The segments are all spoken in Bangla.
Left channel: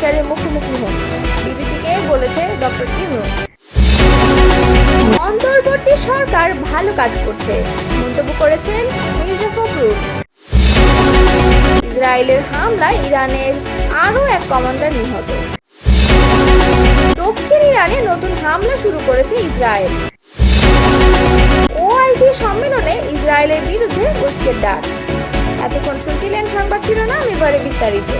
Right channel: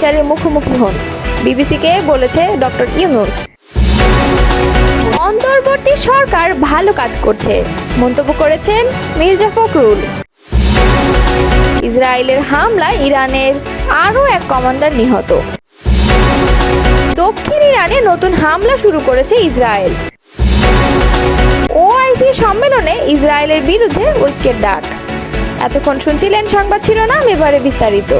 বিচারের মুখোমুখি হন, বিবিসিকে বলেছে ডক্টর ইউনূস। অন্তর্বর্তী সরকার ভালো কাজ করছে মন্তব্য করেছেন মির্জা ফখরুল। ইসরায়েলের হামলায় ইরানের আরও এক কমান্ডার নিহত। দক্ষিণ ইরানে নতুন হামলা শুরু করেছে ইসরায়েল। ওআইসি সম্মেলনে ইসরায়েলের বিরুদ্ধে ঐক্যের ডাক। এতক্ষণ শুনছিলেন সংবাদ শিরোনাম, এবারে বিস্তারিত।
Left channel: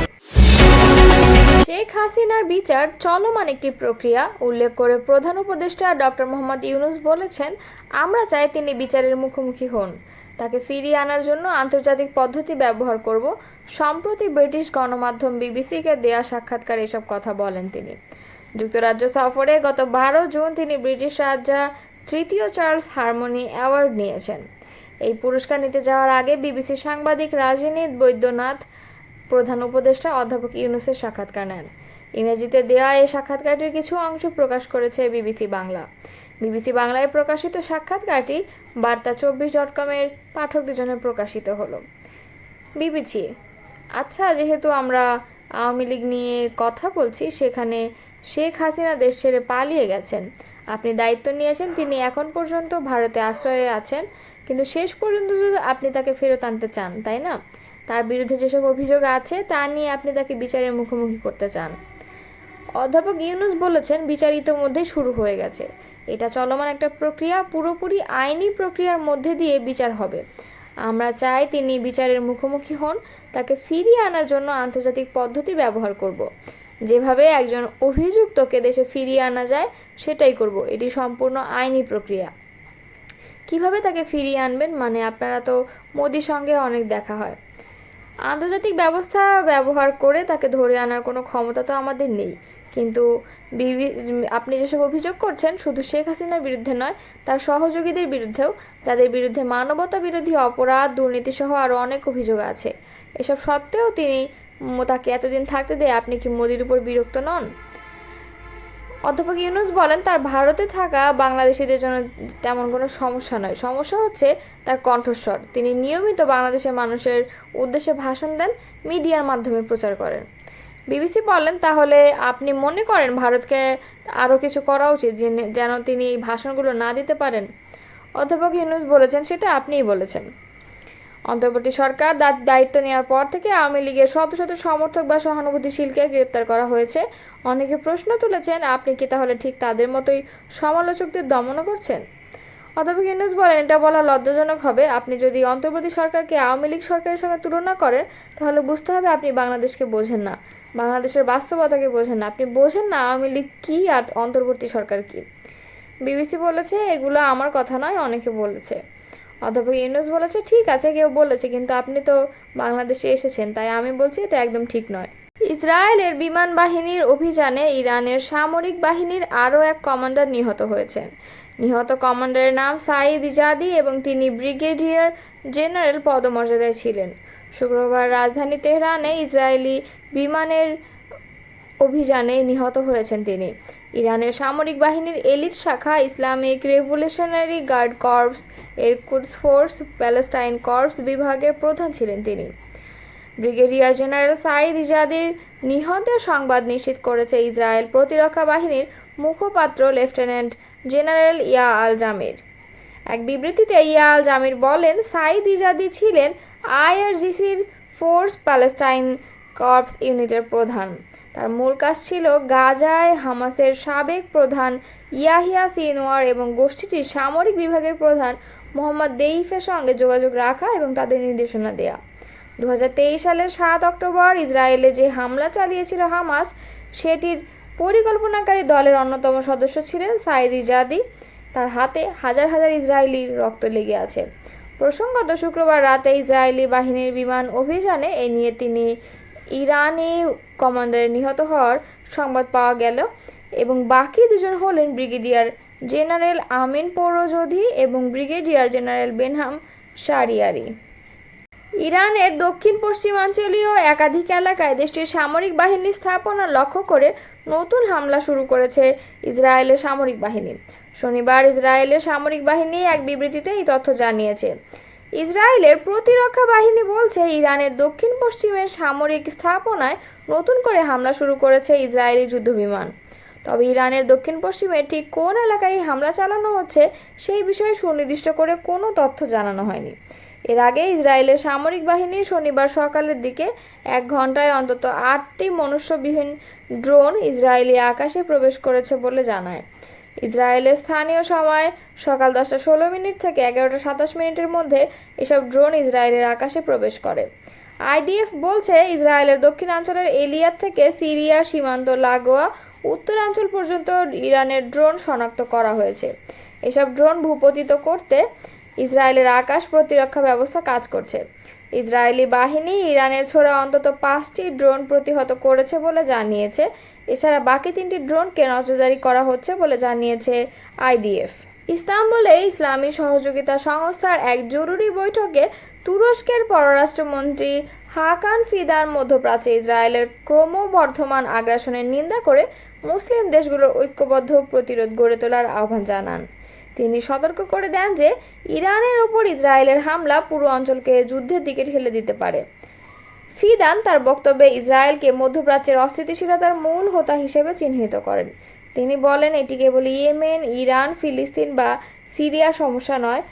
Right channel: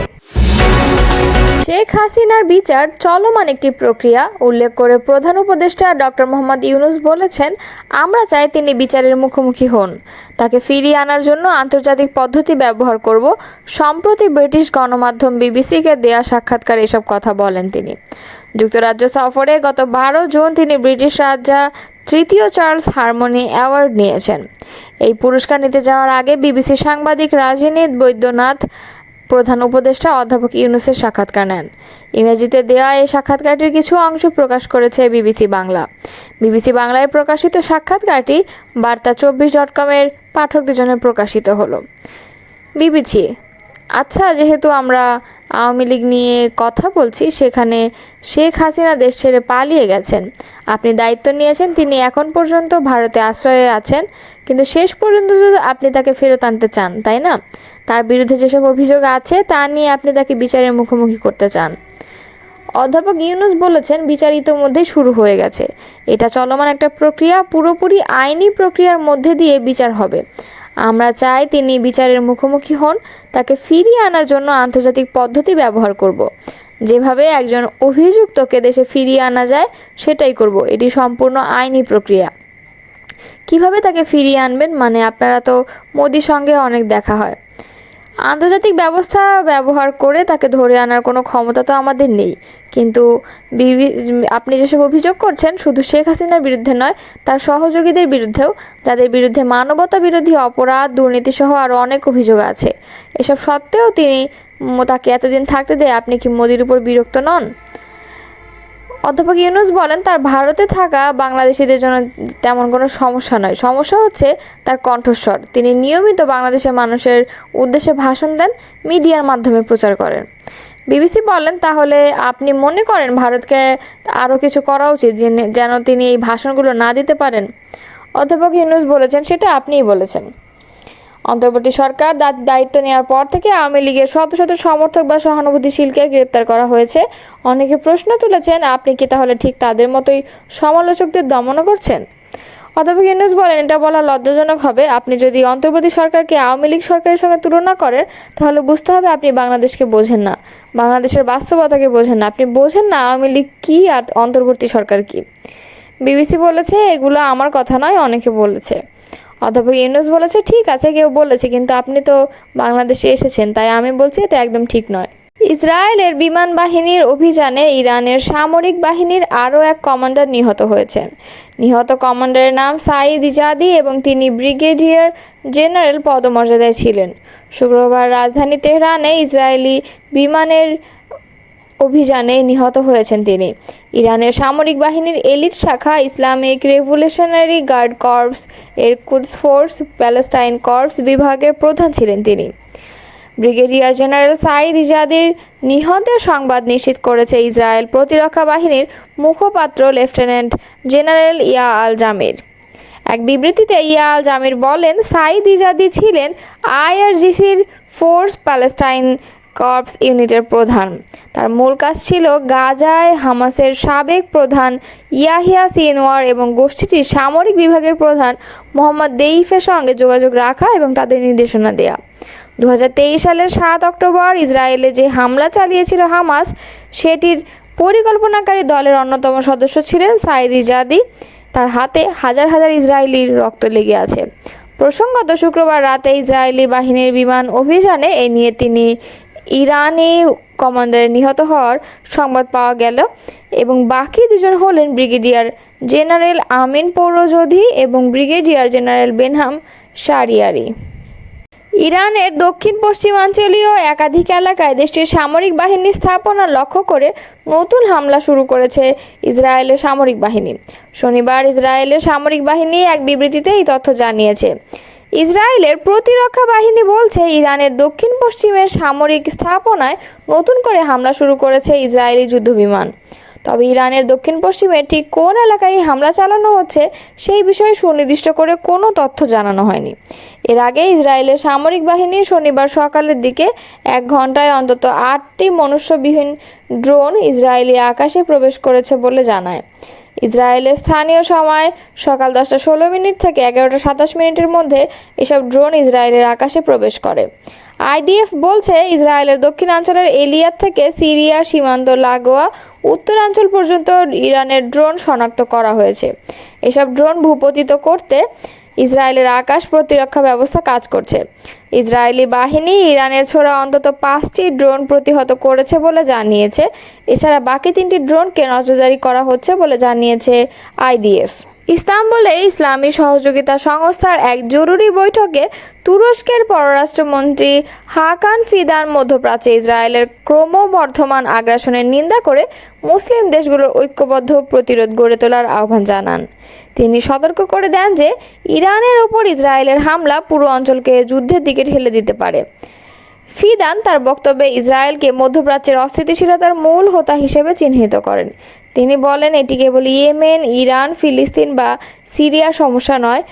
শেখ হাসিনার বিচার চলমান একটি প্রক্রিয়া উল্লেখ করে প্রধান উপদেষ্টা ডক্টর মোহাম্মদ ইউনূস বলেছেন, আমরা চাই তিনি বিচারের মুখোমুখি হন, তাকে ফিরিয়ে আনার জন্য আন্তর্জাতিক পদ্ধতি ব্যবহার করব। সম্প্রতি ব্রিটিশ গণমাধ্যম বিবিসিকে দেয়া সাক্ষাৎকারে এসব কথা বলেন তিনি। যুক্তরাজ্য সফরে গত 12 জুন তিনি ব্রিটিশ রাজা তৃতীয় চার্লস হারমোনি অ্যাওয়ার্ড নিয়েছেন। এই পুরস্কার নিতে যাওয়ার আগে বিবিসি সাংবাদিক রাজনীত বৈদ্যনাথ প্রধান উপদেষ্টা অধ্যাপক ইউনূসের সাক্ষাৎকার নেন। ইংরেজিতে দেওয়া এই সাক্ষাৎকারটির কিছু অংশ প্রকাশ করেছে বিবিসি বাংলা। বিবিসি বাংলায় প্রকাশিত সাক্ষাৎকারটি বার্তা24.com-এর পাঠকদের জন্য প্রকাশিত হলো। বিবিসি: আচ্ছা, যেহেতু আমরা আওয়ামী লীগ নিয়ে কথা বলছি, সেখানে শেখ হাসিনা দেশ ছেড়ে পালিয়ে গেছেন, আপনি দায়িত্ব নিয়েছেন, তিনি এখন পর্যন্ত ভারতে আশ্রয়ে আছেন, কিন্তু শেষ পর্যন্ত আপনি তাকে ফেরত আনতে চান, তাই না? তার বিরুদ্ধে যেসব অভিযোগ আছে তা নিয়ে আপনি তাকে বিচারের মুখোমুখি করতে চান। অধ্যাপক ইউনূস বলেছেন, বিচার ইতোমধ্যেই শুরু হয়ে গেছে, এটা চলমান একটা প্রক্রিয়া, পুরোপুরি আইনি প্রক্রিয়ার মধ্যে দিয়ে বিচার হবে। আমরা চাই তিনি বিচারের মুখোমুখি হন, তাকে ফিরিয়ে আনার জন্য আন্তর্জাতিক পদ্ধতি ব্যবহার করব। যেভাবে একজন অভিযুক্তকে দেশে ফিরিয়ে আনা যায় সেটাই করব। এটি সম্পূর্ণ আইনি প্রক্রিয়া। কিভাবে তাকে ফিরিয়ে আনবেন? মানে আপনারা তো মোদির সঙ্গে অনেক দেখা হয়, আন্তর্জাতিক ব্যবস্থা ব্যবহার করে তাকে ধরে আনার কোনো ক্ষমতা তো আমাদের নেই। কিন্তু আপনি যেসব অভিযোগ করছেন শুধু শেখ হাসিনার বিরুদ্ধে নয়, তার সহযোগীদের বিরুদ্ধেও, যাদের বিরুদ্ধে মানবতা বিরোধী অপরাধ, দুর্নীতিসহ আরও অনেক অভিযোগ আছে, এসব সত্ত্বেও তাকে এতদিন থাকতে দেয়। আপনি কি মোদির উপর বিরক্ত নন? অধ্যাপক ইউনূস বলেন, তার ভারতে থাকা বাংলাদেশিদের জন্য তেমন কোনো সমস্যা নয়, সমস্যা হচ্ছে তার কণ্ঠস্বর। তিনি নিয়মিত বাংলাদেশের মানুষের উদ্দেশ্যে ভাষণ দেন, মিডিয়ার মাধ্যমে প্রচার করেন। বিবিসি বলেন, তাহলে আপনি মনে করেন ভারতকে আরও কিছু করা উচিত যেন তিনি এই ভাষণগুলো না দিতে পারেন? অধ্যাপক ইউনূস বলেছেন, সেটা আপনিই বলেছেন। অন্তর্বর্তী সরকার দায়িত্ব নেওয়ার পর থেকে আওয়ামী লীগের শত শত সমর্থক বা সহানুভূতিশীলকে গ্রেপ্তার করা হয়েছে। অনেকে প্রশ্ন তুলেছেন, আপনি কি তাহলে ঠিক তাদের মতোই সমালোচকদের দমন করছেন? অধ্যাপক ইউনূস বলেন, এটা বলা লজ্জাজনক হবে। আপনি যদি অন্তর্বর্তী সরকারকে আওয়ামী লীগ সরকারের সঙ্গে তুলনা করেন, তাহলে বুঝতে হবে আপনি বাংলাদেশকে বোঝেন না, বাংলাদেশের বাস্তবতাকে বোঝেন না, আপনি বোঝেন না আওয়ামী লীগ কী আর অন্তর্বর্তী সরকার কী। বিবিসি বলেছে, এগুলো আমার কথা নয়, অনেকে বলেছে। অধ্যাপক ইউনূস বলেছে, ঠিক আছে, কেউ বলেছে, কিন্তু আপনি তো বাংলাদেশে এসেছেন, তাই আমি বলছি এটা একদম ঠিক নয়। ইসরায়েলের বিমান বাহিনীর অভিযানে ইরানের সামরিক বাহিনীর আরও এক কমান্ডার নিহত হয়েছেন। নিহত কমান্ডারের নাম সাঈদ ইজাদি এবং তিনি ব্রিগেডিয়ার জেনারেল পদমর্যাদায় ছিলেন। শুক্রবার রাজধানী তেহরানে ইসরায়েলি বিমানের অভিযানে নিহত হয়েছেন তিনি। ইরানের সামরিক বাহিনীর এলিট শাখা ইসলামিক রেভলিউশনারি গার্ড কর্পস এর কুদস ফোর্স প্যালেস্টাইন কর্পস বিভাগের প্রধান ছিলেন তিনি। ব্রিগেডিয়ার জেনারেল সাঈদ ইজাদির নিহতের সংবাদ নিশ্চিত করেছে ইসরায়েল প্রতিরক্ষা বাহিনীর মুখপাত্র লেফটেন্যান্ট জেনারেল ইয়া আল জামির। এক বিবৃতিতে ইয়া আল জামির বলেন, সাঈদ ইজাদি ছিলেন আইআরজিসির ফোর্স প্যালেস্টাইন কর্পস ইউনিটের প্রধান। তার মূল কাজ ছিল গাজায় হামাসের সাবেক প্রধান ইয়াহিয়া সিনওয়ার এবং গোষ্ঠীটির সামরিক বিভাগের প্রধান মোহাম্মদ দেইফের সঙ্গে যোগাযোগ রাখা এবং তাদের নির্দেশনা দেয়া। 2023 সালের 7 অক্টোবর ইসরায়েলে যে হামলা চালিয়েছিল হামাস, সেটির পরিকল্পনাকারী দলের অন্যতম সদস্য ছিলেন সাঈদ ইজাদি। তার হাতে হাজার হাজার ইসরায়েলির রক্ত লেগে আছে। প্রসঙ্গত, শুক্রবার রাতে ইসরায়েলি বাহিনীর বিমান অভিযানে এ নিয়ে তিনি ইরানি কমান্ডারের নিহত হওয়ার সংবাদ পাওয়া গেল এবং বাকি দুজন হলেন ব্রিগেডিয়ার জেনারেল আমিন পৌরজোধি এবং ব্রিগেডিয়ার জেনারেল বেনহাম শারিয়ারি। ইরানের দক্ষিণ পশ্চিমাঞ্চলীয় একাধিক এলাকায় দেশটির সামরিক বাহিনী স্থাপনা লক্ষ্য করে নতুন হামলা শুরু করেছে ইসরায়েলের সামরিক বাহিনী। শনিবার ইসরায়েলের সামরিক বাহিনী এক বিবৃতিতে এই তথ্য জানিয়েছে। ইসরায়েলের প্রতিরক্ষা বাহিনী বলছে ইরানের দক্ষিণ পশ্চিমের সামরিক স্থাপনায় নতুন করে হামলা শুরু করেছে ইসরায়েলি যুদ্ধবিমান। তবে ইরানের দক্ষিণ পশ্চিমে ঠিক কোন এলাকায় হামলা চালানো হচ্ছে সেই বিষয়ে সুনির্দিষ্ট করে কোনো তথ্য জানানো হয়নি। এর আগে ইসরায়েলের সামরিক বাহিনী শনিবার সকালের দিকে 1 ঘন্টায় অন্তত 8টি মনুষ্যবিহীন ড্রোন ইসরায়েলি আকাশে প্রবেশ করেছে বলে জানায়। ইসরায়েলের স্থানীয় সময় সকাল 10:16 থেকে 11:27 মধ্যে এসব ড্রোন ইসরায়েলের আকাশে প্রবেশ করে। আইডিএফ বলছে ইসরায়েলের দক্ষিণাঞ্চলের এলিয়াত থেকে সিরিয়া সীমান্ত লাগোয়া উত্তরাঞ্চল পর্যন্ত ইরানের ড্রোন শনাক্ত করা হয়েছে। এসব ড্রোন ভূপতিত করতে ইসরায়েলের আকাশ প্রতিরক্ষা ব্যবস্থা কাজ করছে। ইসরায়েলি বাহিনী ইরানের ছোড়া অন্তত 5টি ড্রোন প্রতিহত করেছে বলে জানিয়েছে। এছাড়া বাকি 3টি ড্রোনকে নজরদারি করা হচ্ছে বলে জানিয়েছে আইডিএফ। ইস্তাম্বুলে ইসলামী সহযোগিতা সংস্থার এক জরুরি বৈঠকে তুরস্কের পররাষ্ট্রমন্ত্রী হাকান ফিদান মধ্যপ্রাচ্যে ইসরায়েলের ক্রমবর্ধমান আগ্রাসনের নিন্দা করে মুসলিম দেশগুলোর ঐক্যবদ্ধ প্রতিরোধ গড়ে তোলার আহ্বান জানান। তিনি সতর্ক করে দেন যে ইরানের ওপর ইসরায়েলের হামলা পুরো অঞ্চলকে যুদ্ধের দিকে ঠেলে দিতে পারে। ফিদান তার বক্তব্যে ইসরায়েলকে মধ্যপ্রাচ্যের অস্থিতিশীলতার মূল হোতা হিসেবে চিহ্নিত করেন। তিনি বলেন, এটি কেবল ইয়েমেন, ইরান, ফিলিস্তিন বা সিরিয়ার সমস্যা নয়,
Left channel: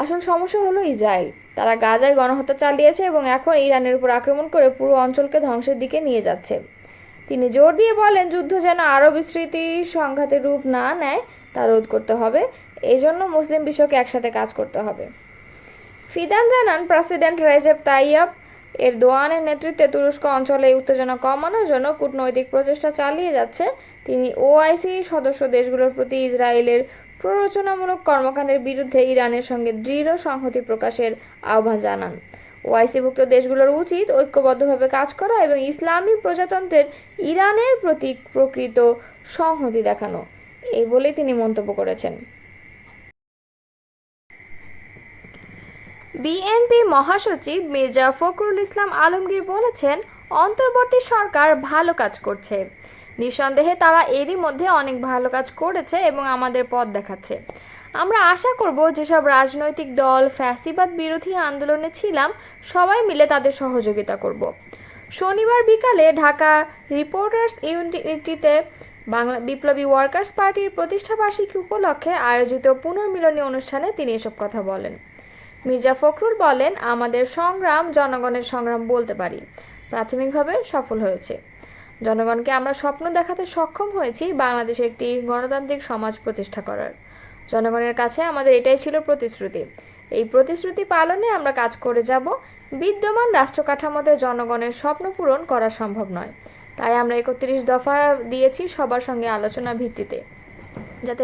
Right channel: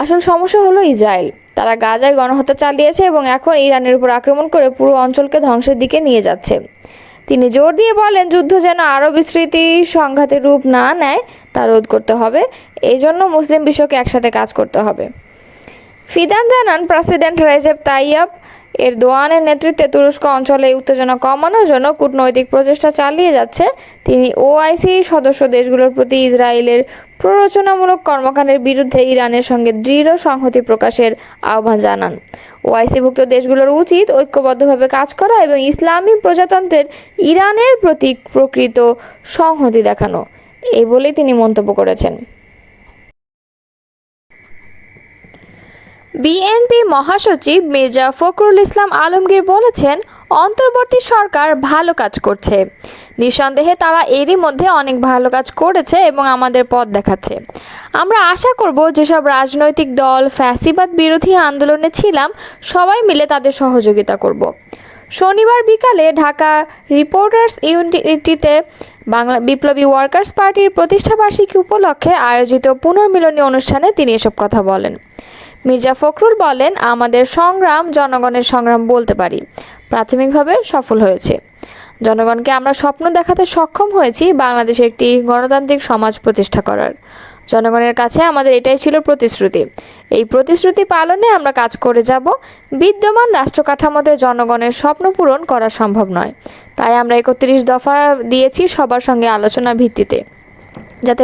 আসল সমস্যা হলো ইসরায়েল। তারা গাজায় গণহত্যা চালিয়েছে এবং এখন ইরানের উপর আক্রমণ করে পুরো অঞ্চলকে ধ্বংসের দিকে নিয়ে যাচ্ছে। তিনি জোর দিয়ে বলেন, যুদ্ধ যেন আরও বিস্তৃতি সংঘাতের রূপ না নেয় তা রোধ করতে হবে। এই জন্য মুসলিম বিশ্বকে একসাথে কাজ করতে হবে। ফিদান জানান, প্রেসিডেন্ট রেজেপ তাইয়্যিপ এরদোয়ানের নেতৃত্বে তুরস্ক অঞ্চলে উত্তেজনা কমানোর জন্য কূটনৈতিক প্রচেষ্টা চালিয়ে যাচ্ছে। তিনি ওআইসি সদস্য দেশগুলোর প্রতি ইসরায়েলের প্ররোচনামূলক কর্মকাণ্ডের বিরুদ্ধে ইরানের সঙ্গে দৃঢ় সংহতি প্রকাশের আহ্বান জানান। ওআইসিভুক্ত দেশগুলোর উচিত ঐক্যবদ্ধভাবে কাজ করা এবং ইসলামী প্রজাতন্ত্রের ইরানের প্রতি প্রকৃত সংহতি দেখানো, এই বলেই তিনি মন্তব্য করেছেন। বিএনপি মহাসচিব মির্জা ফখরুল ইসলাম আলমগীর বলেছেন, অন্তর্বর্তী সরকার ভালো কাজ করছে। নিঃসন্দেহে তারা এরই মধ্যে অনেক ভালো কাজ করেছে এবং আমাদের পথ দেখাচ্ছে। আমরা আশা করব যেসব রাজনৈতিক দল ফ্যাসিবাদ বিরোধী আন্দোলনে ছিলাম সবাই মিলে তাদের সহযোগিতা করব। শনিবার বিকালে ঢাকা রিপোর্টার্স ইউনিটিতে বাংলা বিপ্লবী ওয়ার্কার্স পার্টির প্রতিষ্ঠাবার্ষিকী উপলক্ষে আয়োজিত পুনর্মিলনী অনুষ্ঠানে তিনি এসব কথা বলেন। মির্জা ফখরুল বলেন, আমাদের সংগ্রাম জনগণের সংগ্রাম বলতে পারি, প্রাথমিকভাবে সফল হয়েছে। জনগণকে আমরা স্বপ্ন দেখাতে সক্ষম হয়েছি বাংলাদেশে একটি গণতান্ত্রিক সমাজ প্রতিষ্ঠা করার। জনগণের কাছে আমাদের এটাই ছিল প্রতিশ্রুতি। এই প্রতিশ্রুতি পালনে আমরা কাজ করে যাব। বিদ্যমান রাষ্ট্র কাঠামোতে জনগণের স্বপ্ন পূরণ করা সম্ভব নয়, তাই আমরা 31 দফা দিয়েছি সবার সঙ্গে আলোচনার ভিত্তিতে, যাতে